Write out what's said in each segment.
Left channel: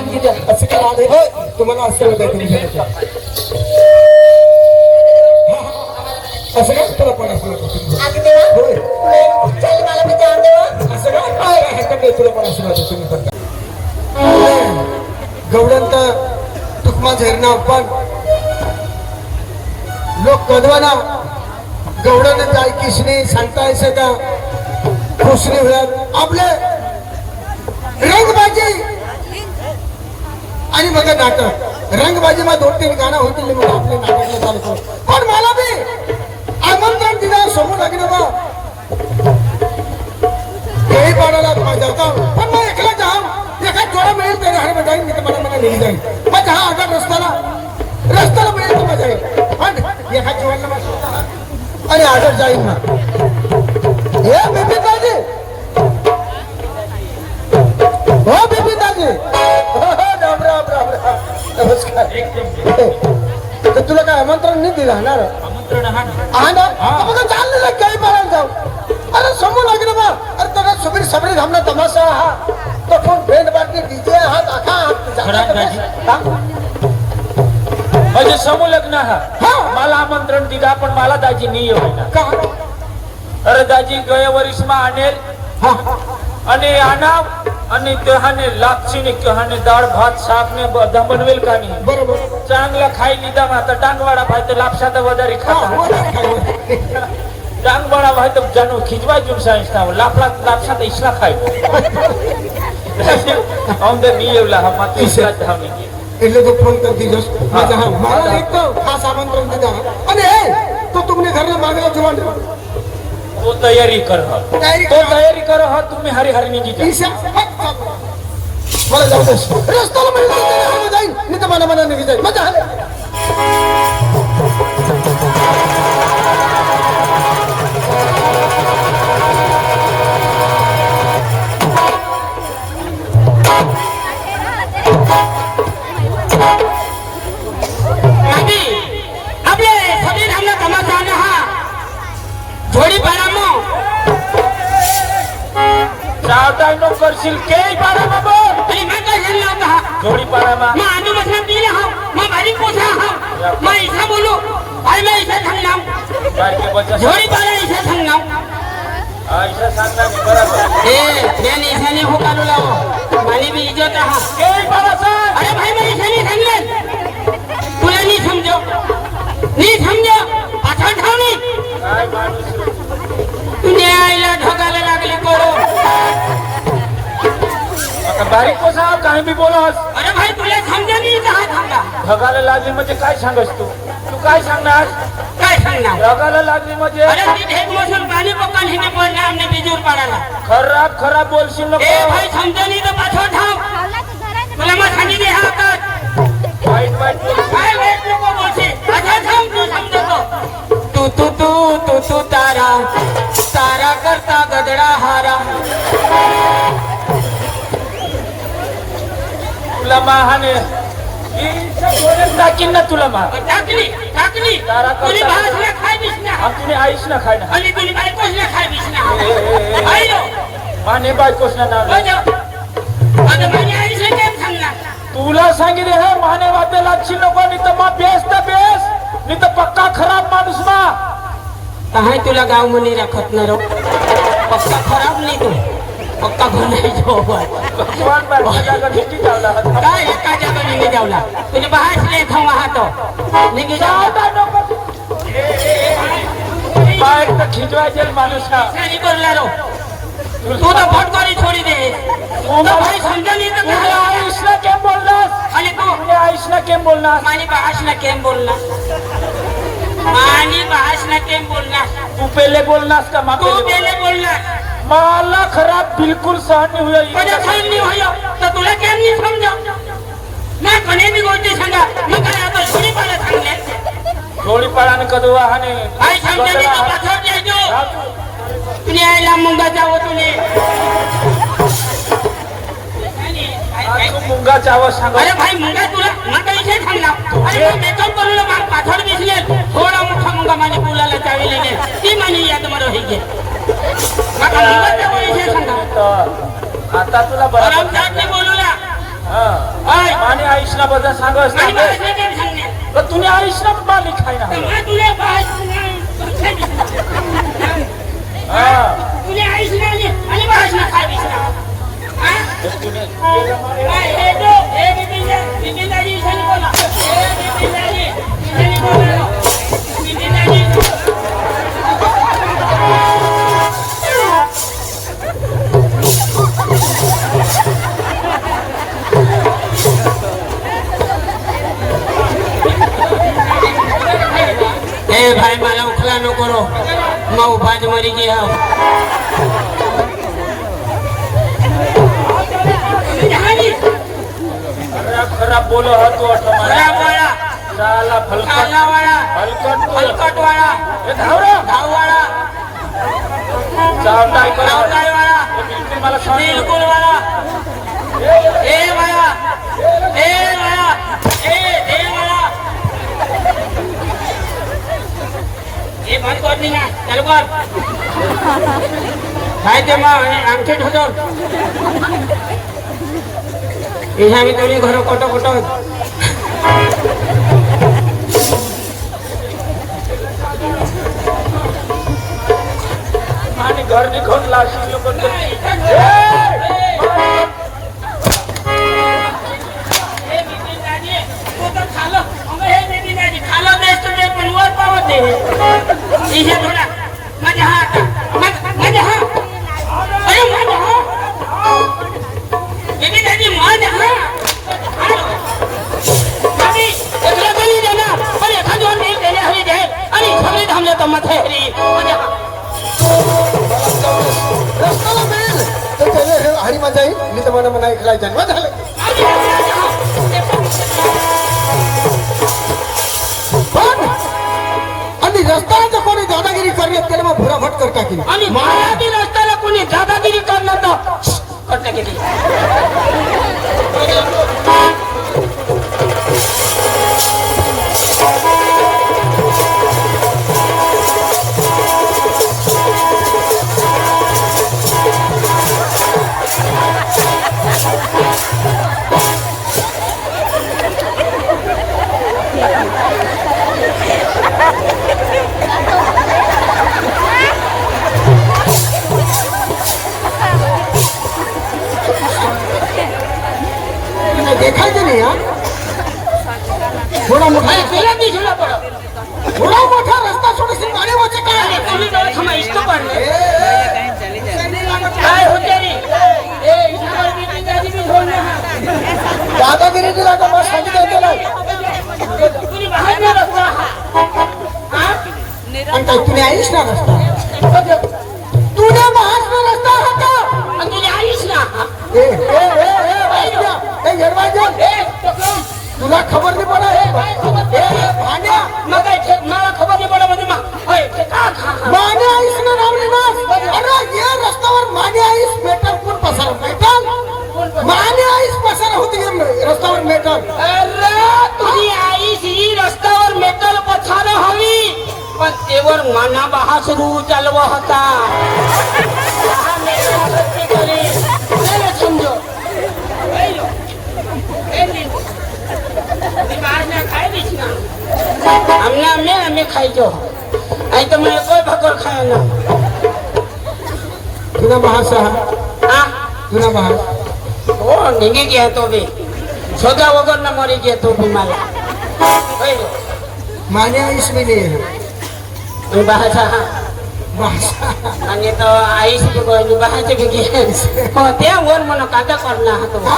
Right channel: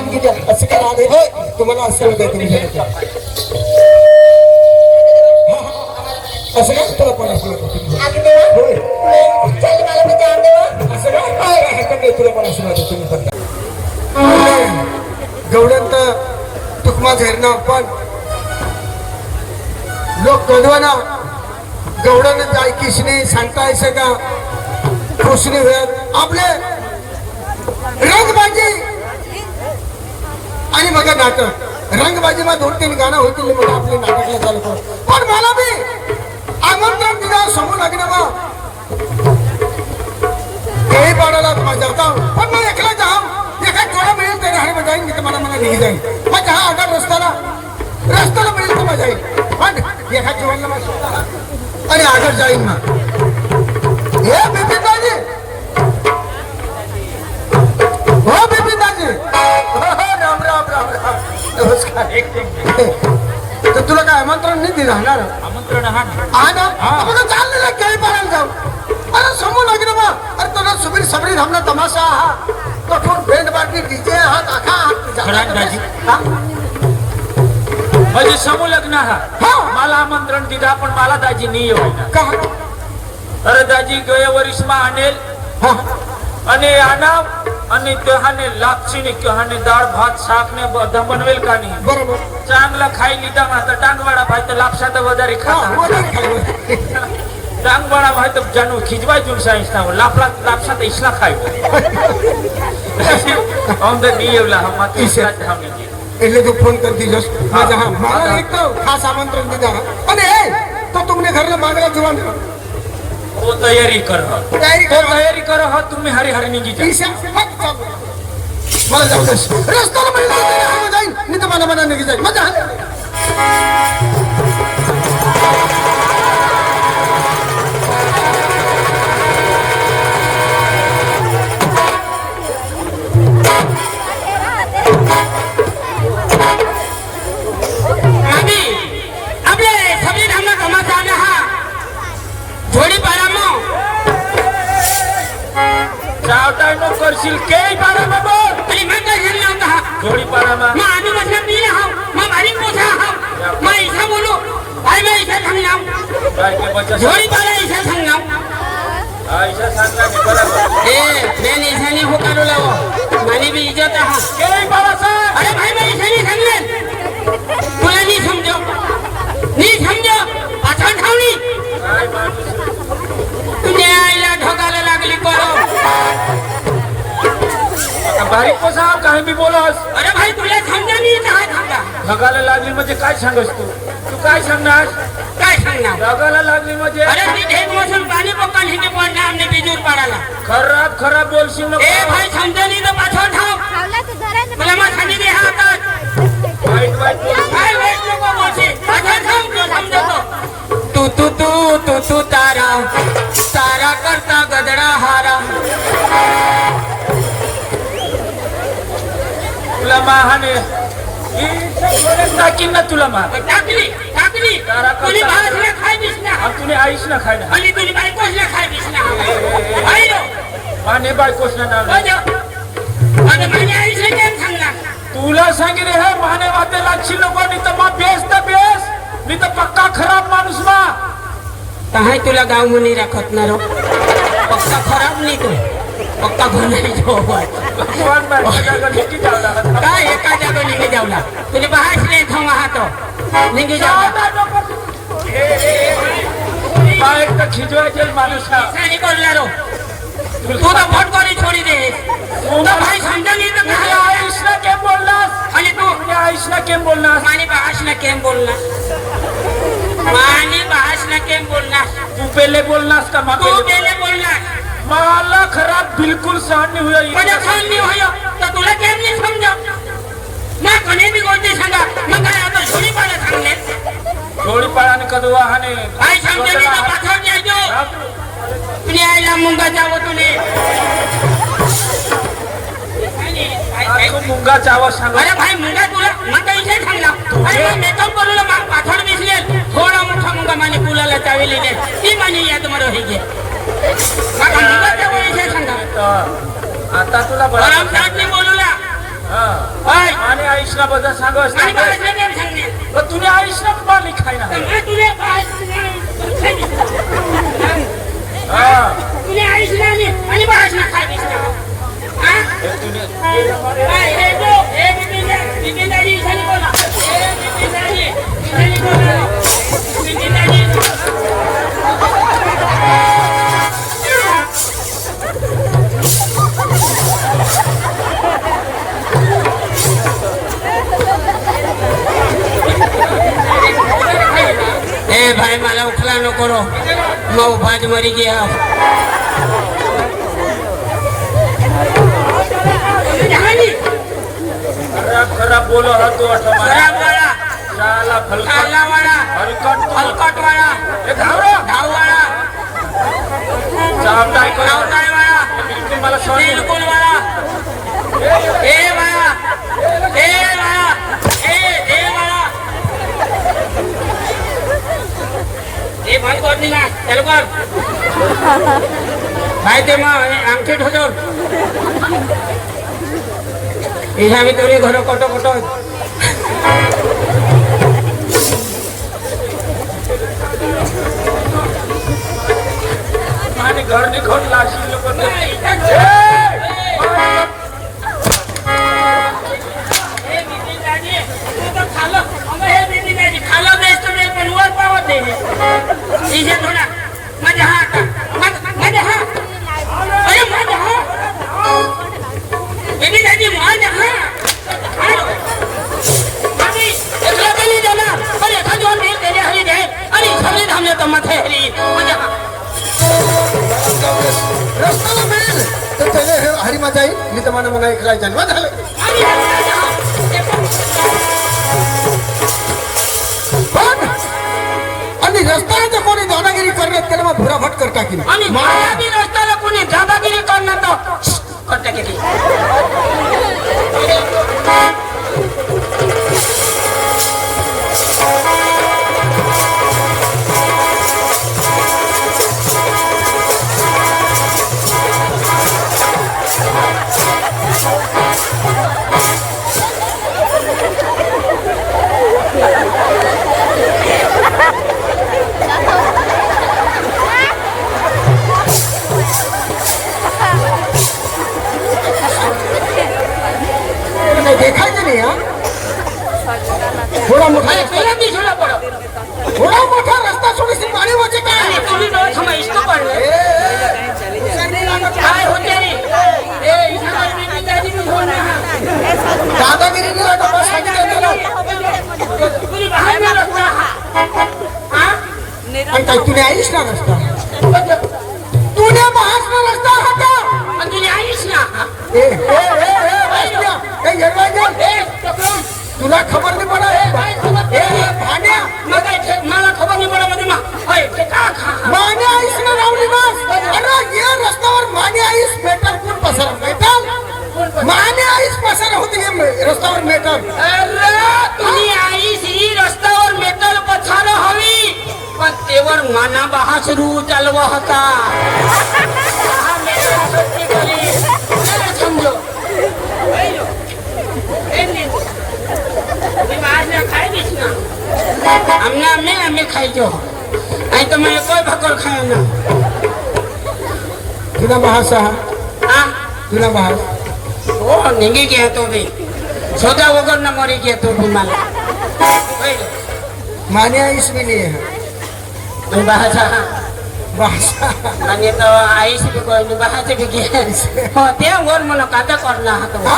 आणखी द्या. असं काय राहते होय तुम्हाला असं होत आहे तुम्ही असं काय तुला पण असं होतं होय असं काय तुला पण असं होतं तुम्ही पण गवडंत तुकमा झेरना पण लोक कधवाना गवडन काय किसने सांगतायचं का खुशने होत आपले रंगबाजी आणि बघा नाटक रंगबाजी मा 2-3 गाणं होतील बघा आपले नाटकला चालतो पण मला बी आमंत्रण दिला समोर लागले बा काही पाण्याला माझा जाऊ पण मग एकला जाऊ एका जोडा मिळेल त्या घाडी जाईन मी तर मला निघी जाईल मग हा आगार रस्त्याला मिळेल तर मजा येईल पण एका जोडला आणि आगार जाईन मग हे बिपिनदाजी हो बिपिनदाजी राम राम राम राम नमस्कार तर तुला काय आमंत्रण नाही दिलं आमंत्रण हा ना आपण चाललेलं काही पाहायला जाऊ अरे समोर लागले बा अरे त्याला सुबीर सबरी धामना तमाशा हा तो फोन भेंड बाटली डीजे हा दाखा म्हणजे समूह लग्न हा मला आमंत्रण दिला पण मला दाजी नाही येऊ का अरे दाजी गया वरिष्ठमा आणेल आणि आणा आणि तेहाने लापसीने कहाने डाळ भात शाकने बनवेल का नाही बरोबर चांगला खाई लिदा माता टांगवाडा भाई तर लापसाचा वजारी खाता टांगवाडा भाई तर जानू खिजवाय जुन साइंस था लापसा तर इसला खाई औंदर नहीं येवला हम माती इसे धावनी એટલે તો ફોન કરી દીધો મજા હા મારા એક તો ખાસ આમંત્રણ દીધા અને એ તો તમને ઘરના માંગલા જોવાનું वो तैयारी कर તૈયારી करो हाँ तुम्हें हरी हरी नहीं की ઈશા मला जाऊ दे रस्त्याला मिळेल जाईल मी तर मला निघी जाईल मजा करशील के पारा बाबा तरी मैं काय झेल लावता जोडी पारा मा मैं आदमी बसला पी रहा हूं मैं भारी पोछा हूं मैं ऐसा बोलूं भाई मैं ऐसा समझा काय के बच्चा जोडी पारा ऐसा समझा ऐसा सांगा की बराबर ए मैं ऐसा नहीं हो करू लाओ मारी भी इज्जत है के पारा सा अरे भाई मैं ऐसा नहीं समझले तुला नहीं समझो अच्छा ठावणी तुझे आईला ढोकाला लागली करो बारीक कसा काही बी बोलास अरे भाई तुला समजा नाही काय सांगा ढगाला लागली म्हणजे काय सांगस तू काय सांगणार ढगाला लागली म्हणजे अरे ती ढेक मोसून पाणी पक्का हिने पडणार आमने बिजूर पाडायला खराब बोलशील नको ए भाई समजा नाही तर पाछो ठाव तुला मग खाली दे हातात काय वेट नको बोलशील पाछो ठाव तू समजतो तू तारा करता गदडा हारा तुला माहाने टाकीन ना तुला मा टाकली तुझी भाषला खाय दिसना तुम्ही आईश ना खाय ना आणि तुझी बायकोश ना खाय दिसना आईलो माने बायकोश ना नाव आता माने आईश ने केम सांगला तुला सांगितले हे माने वाटे लागशी नको नाही तर मा बेस नाही तर पक्का खराब माणूस मा काय तुला गाव मुनी राखत ना रो पक्का खराब नाही तू पक्का घरी जो काय एका जागा निघे जावला तुझे बाहेर नाही थांबा हात निघे जावला खिजवायचे माणूस सही बोलला रो तू तो फटकोरी छोडी दे भाई समजा नाही तर आयुषला केम बोललास आणि तू आयुषला केम बोललास आणि भाषला केम बोललास तू पहले बोलनास का तू पहले बोलनास मला खराब बिल्कुल सहन नहीं हुआ मुझे सहन नहीं हुआ तो तुला क्या नहीं समझा मैं कने भी गोष्टी सांगा मैं काय आता जोडी पाला सांगले जोडी पाळाने कदवा हाने काय समजे नाही तर पाठवून द्यायचो तुझी आईला मुंगा जावं तुले मुंगा जावं सांगा अरे भाई मुंगा तुला मग इथे सांगला अरे मैं मेकअप करूला मग पाठवून दिसले थोडा मोठा मुंगा माने बोलायला चावेले दे ती माने याद मला होईगे मुंगा जावं इथे सांगा आता तुला बरं बोलूला आणि आईशला बघा सांगस तुने आईशला बाली खायला तुझ्या आईशला आणि बाळाशला काय दिसला भाई मला उखला नको रो मग भाज मरी गे खराब बोलो होतो भाई ते मग आमचे ठोतो मी कोणी घर कोट कोट आणि घर निघून लागली खालो हे बेटी नाही खालो बेस तुम्ही बनवत पावत नाही हे बोला माझा हात माझा हात अरे माझा हात बेटी दादी माझा हात आम्ही तुला बोली देना अरे खादो नाही केले हरी जाय आणि सगळे धामले तर माथे हरी माझा रस्त्याला मिळेल तर त्याने हरी माझा येईल मी तर मला इकडे जन्म झाला आणि रस्त्याचा कोणी दादागिरी करण्यात त्याला मग भुराफट करता की आणि मला बी रस्त्याला कोणी दादागिरी करणार तर करता किती थोडा मोठा रस्ता सोडून पाणी वाचे काय दादागिरी केला का मग सांगितलं आणि काही तुने आईस ना रस्ता तुने महाराष्ट्र रस्ता होता तुझी आईस ना तुला खबर नाही पडा मला खबर नाही पडा मध्ये माने आईस ना नाव निवास अरे या रस्त्यावर माने आईस मेटल कोण पसार मेटल माने आईस पसार होती रस्त्यावर मेटल अरे तुझी आईस ही रस्त्यावर मेटल पछार हवी पण तेवर माना बहाच रू चालवा होता समजो हमें खाई जो आई तो मैं कोई भकर खाया ना तुला महासा तुला महास ओ निघे गया तो भी सोदा वगर न मरी गया तो भी माला माने आईस मिली bahasa bahasa आणि तो आईस तू कोणी bahasa बिगी हो ते वर मला काका करला तो ना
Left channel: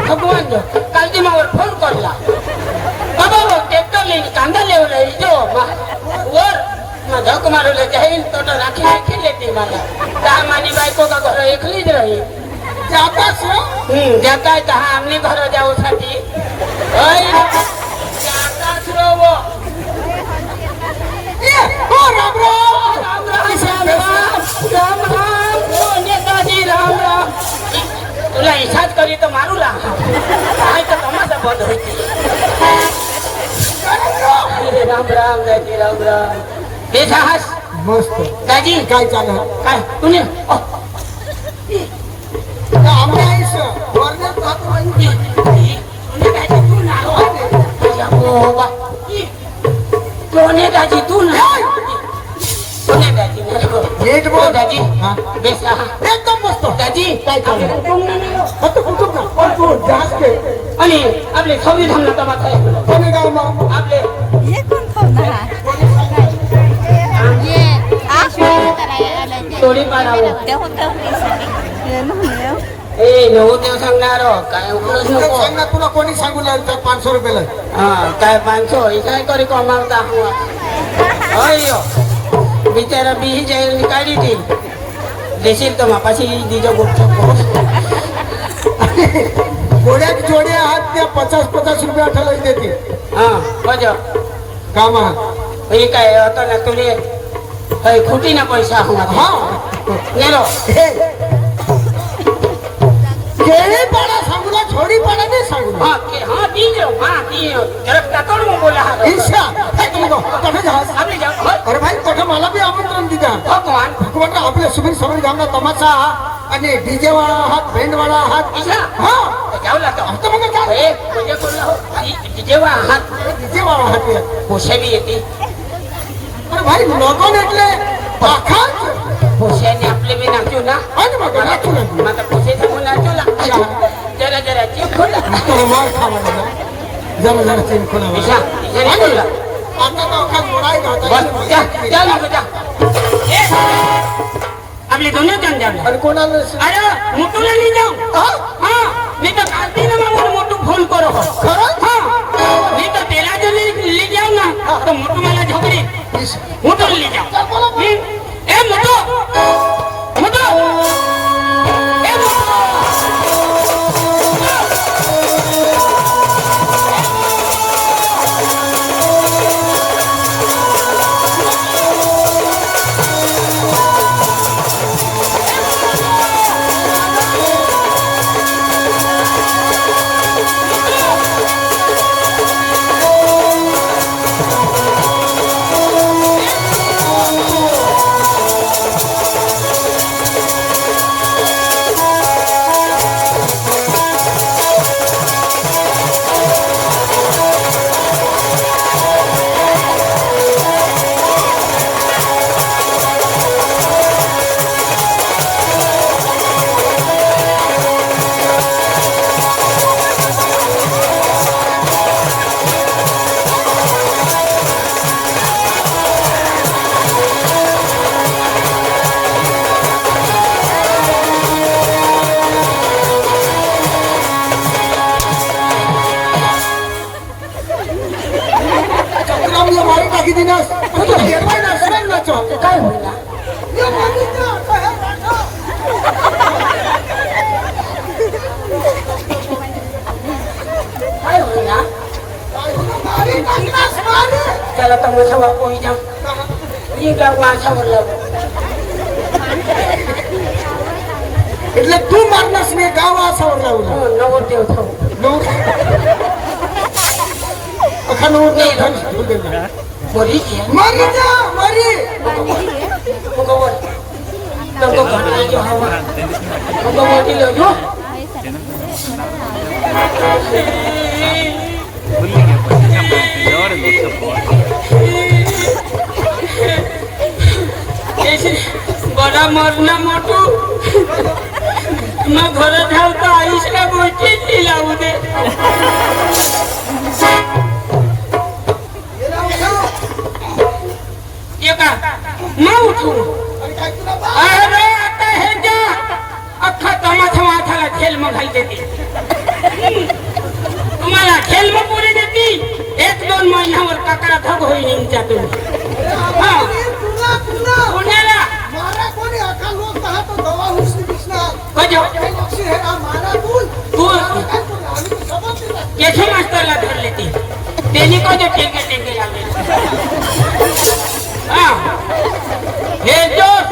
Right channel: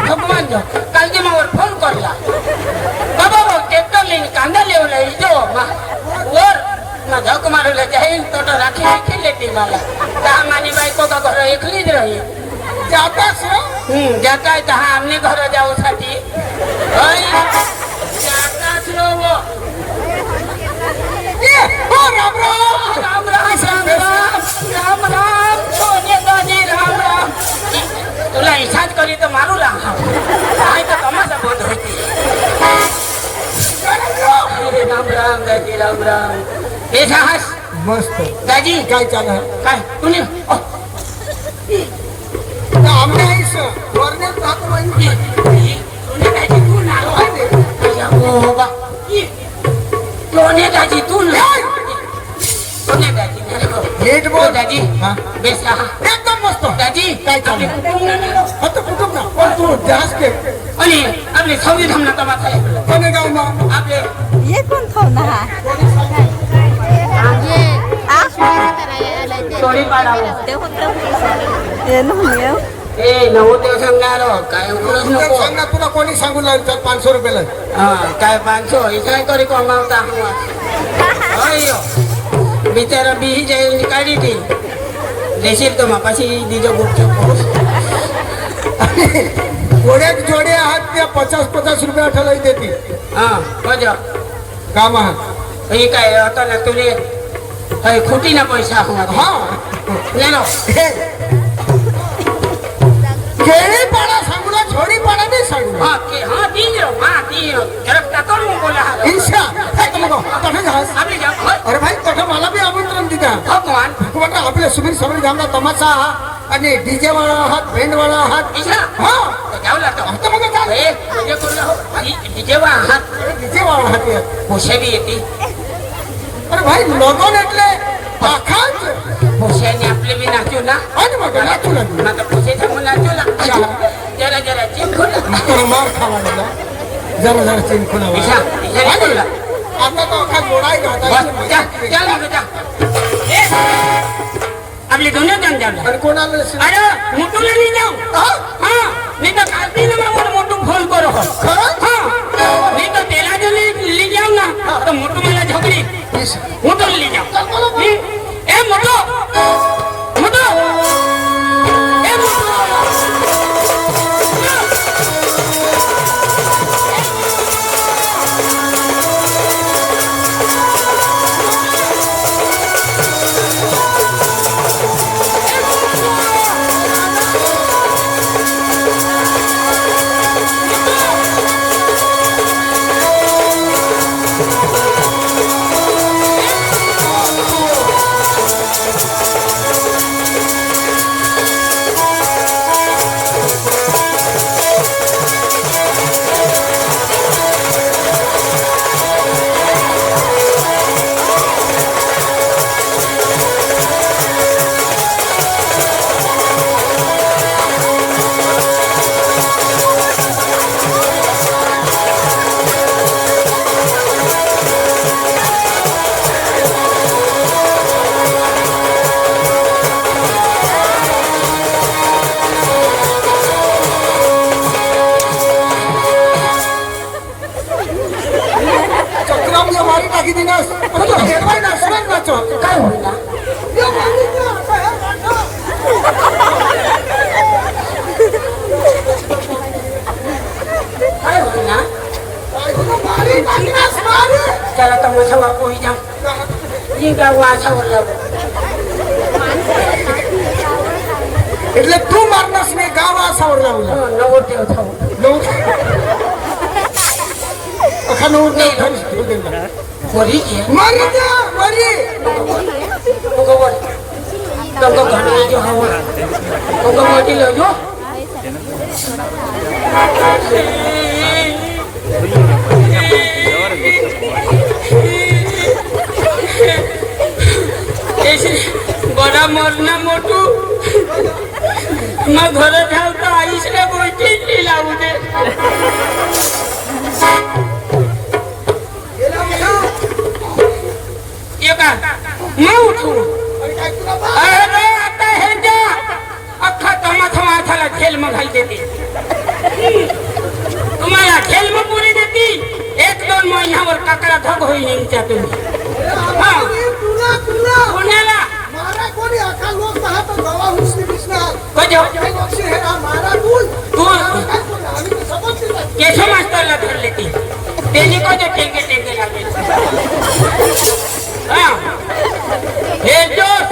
भगवान जो काल की मग फोन करला बाबा वो ट्रॅक्टर लेन कांदा लेवला इथं वर माझा कुमारला जाईल तो राखी खेळते मला का माझी बायको का घर एकलीच राही जातास ज्या काय कहा आम्ही घर जाऊसाठी जाताच रो राम राम राम राम राम राम राम ओ नेताजी राम राम तुला इच्छाच करी तर मारू लागा काय तर कमाचा बंद होती राम राम दाजी राम राम हे जहाज मस्त दाजी काय चालू काय तुने आमने आईस वरने जात म्हणजे सोनेदाजी तू ना हो बा सोनेदाजी तू ना सोनेदाजी नाही गो नीट बोल दाजी हा बेस एकदम मस्त दाजी काय चाललंय? आता कुठं ना पण तू जास्त के आणि आपले संविधान तमाशा आहे कोणी गाव ना आपले ये कोण खाऊन हा ये चोरी पाडावं ये नव्हे ए नवोदय सांगणार काय उघडच तुला नको सांग ना तुला कोणी सांगू लागलं तर 500 रुपयाला हा काय 500 हे काय तरी कमावता अयो बिचारा बिही जाईल काढी ती देशील तर मापाशी दिजा बुक जोड्यात जोडे आहात त्या 50 रुपया ठेवला देते हा मजा काम आहात हे काय आता ना तुले खोटी ना पैसा हवा हा नेलो केळी पाडा सांगू ना छोडी पाडा नाही सांगू ना हा ती जरा टाकून मग बोला हा ईशा काय तू कठं जास आपली अरे भाई कठं मला बी आमंत्रण दिता भगवान भगवान आपल्या सुबीर संविधानला तमाशा आहात आणि डीजे वाला आहात बँड वाला आहात ईशा हा गावला तर आता मग काय जेव्हा हात डीजे वाला आहात पोशाली येते अरे भाई लगन એટલે पाखात पोशाने आपले बी नाचू ना आणि मग नाचू लागलो आता पोशाच्या मुलाला जरा जरा चिंखोला आता मार खावा ना जरा जरा चिंखोला ईशा ईशा बोलला आता तो काय गोडाई घाता आपली दोन्ही धंद्याला आणि कोणाला अरे मोठूला नाही जाऊ हा मी तर खाती ना मोठू फोन करो हा मी तर तेला ले जाऊ ना तर मोठू मला झगडी मोठू ले जाऊ ए मोठू मोठू ए मोठू चक्रम मारी टाकी दिनास पण तो हेरवाय नाचणार नाचो काय होईल काय होईल ना मारी टाकनास मारी त्याला तर मोठा वाप होईल ना ही गाव वाचावर એટલે તું મારનાસ ને ગાવ આસાવર લાવला नवो ठेवतो नऊ अखा नऊ मोरी की मारी जा मारी भगवान तो घाटे जो हो तो मोठी लो जो ऐसे बड़ा मरना मोटू मग घर धावता आईसला गोष्टी लावू दे एका मग उठू अरे आता हे द्या अख्खा तमाशा माथाला खेळ मग घाल देते तुम्हाला खेळ मग पुरे देते 1-2 महिन्यावर काकडा ठोक होईल यांच्या तुम्ही हा पुण्याला मारा कोणी अखा लोक पाहत गवा हुसनी कृष्णा बजाव काय लोकशी हे मारा तू तू काय कोण आम्ही तर समजते नाही केशव मास्तरला धरले ती त्यांनी कोणते टेके लागले हा हे दोस्त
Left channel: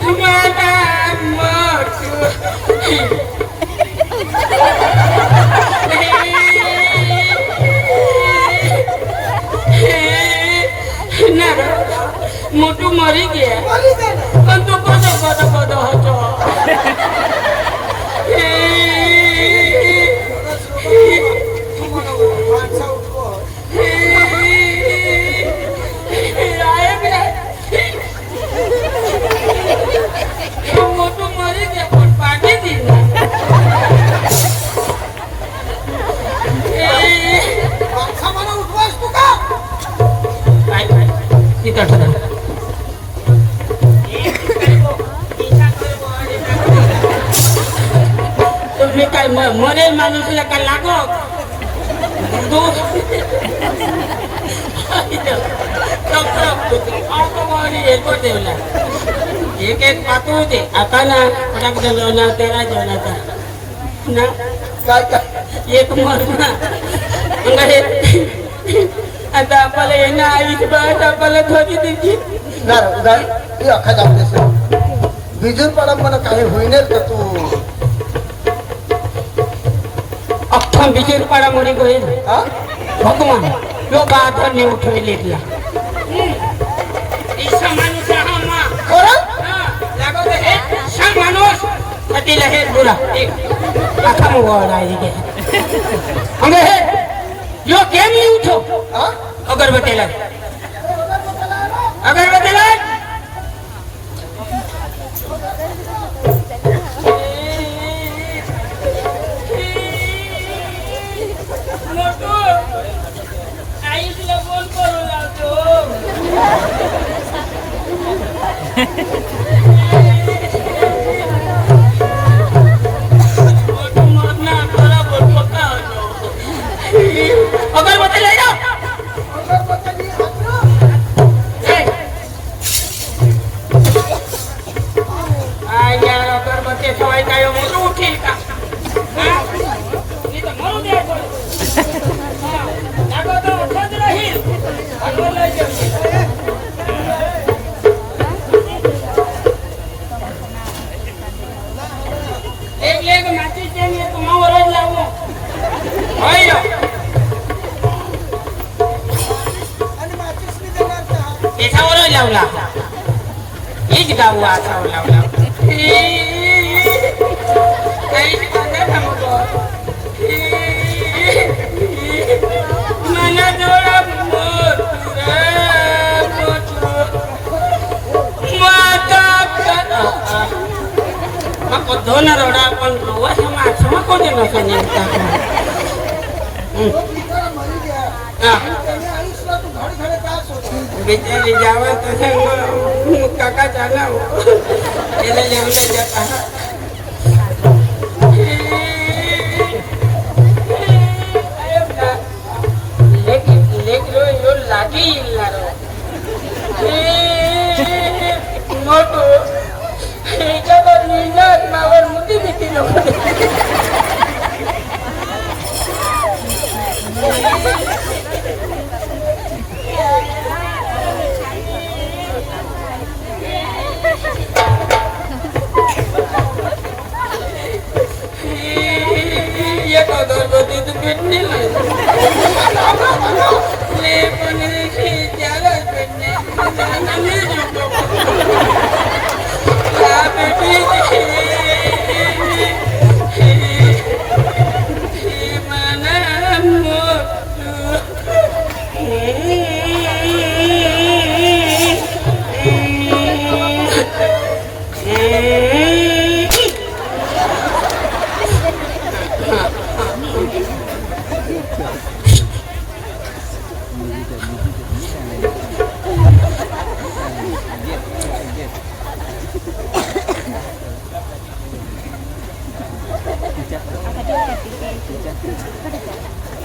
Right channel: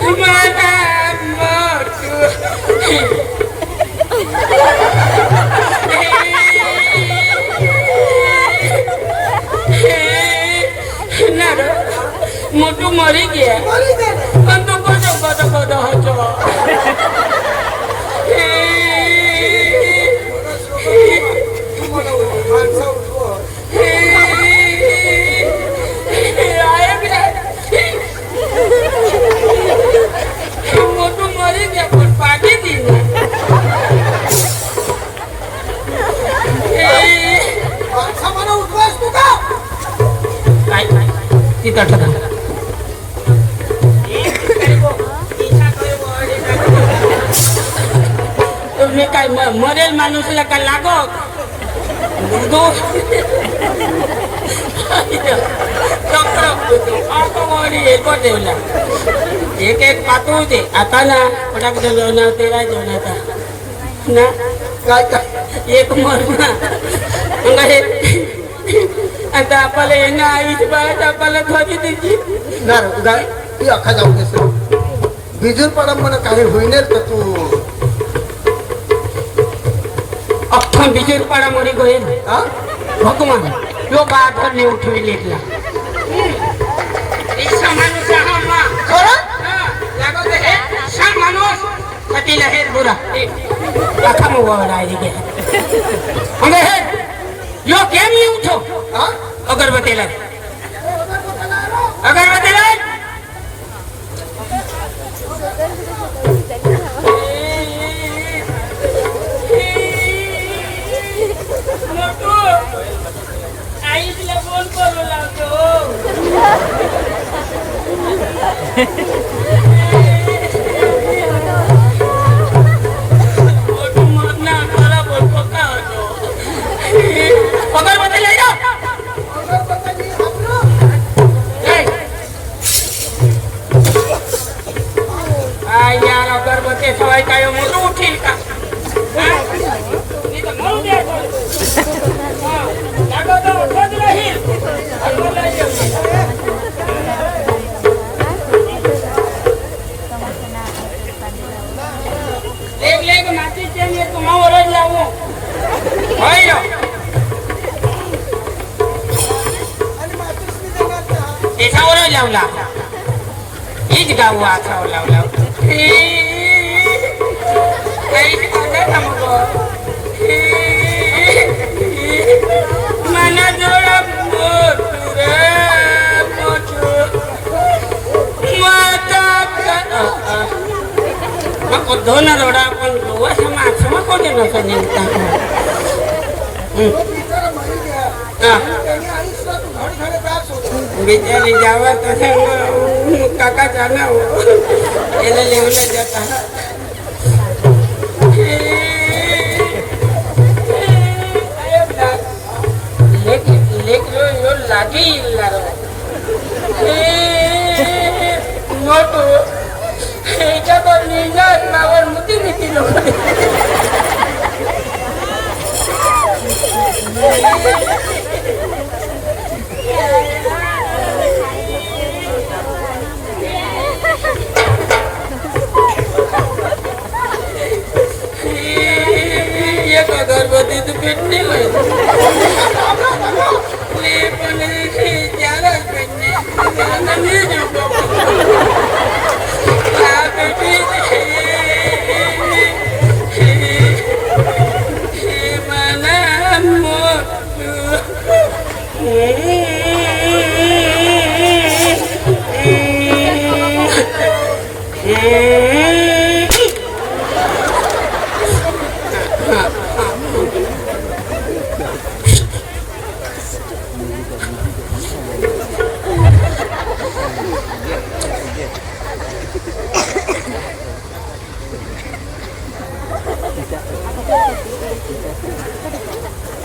तुम्हाला मोटू मरी गया मारी दे पण तो कदो होतो तू मला माणसा उठव मोठं मरी द्या पण पाठी दिली माणसा मला उठवास तू का काय तिथं ठरलं तुम्ही काय मरेल माणूस का लागत एक एक पातू होते आता ना पटाक जेवणार तेरा जेवणाचा ना काय काय एक मर आता आपल्याला येणं आईच बाहेर आपल्याला थोडी दिली उदार ती अखा जाऊ देस बिजूर पडा मला काही होईनेत का तू अख्खा बिजूर पाडा मोडी गोईल हा भगवान लोक आधारने उठविले इथला माणूस हा मा लागत हे सा माणूस कधीला हे बोला कथा मुगवला आहे हमें हे यो केम नहीं उठो हा अगरबत्ती लाग अगरबत्ती लाग आईला फोन करू लागतो अगरबत्ती ले जाओ यार अगरबत्ती सवाई काय मोरू उठी का नहीं तो मरू दे तो खोज रही एक लेग माती चाहिए तुम्हारा रोज लाओ भाई त्याच्यावर लावला हीच गाऊ आठावर लावला मला जोडा दोन रोडा पण माणसं कोणी लोकांनी बिचारी जावा तो काका जाना हो लेवल जाता लागी मोठो ह्याच्यावर निघत मावर मुती भीती नको एक अगरबत्तीची पेटणी पण त्यालाच पेटणे Apa dia?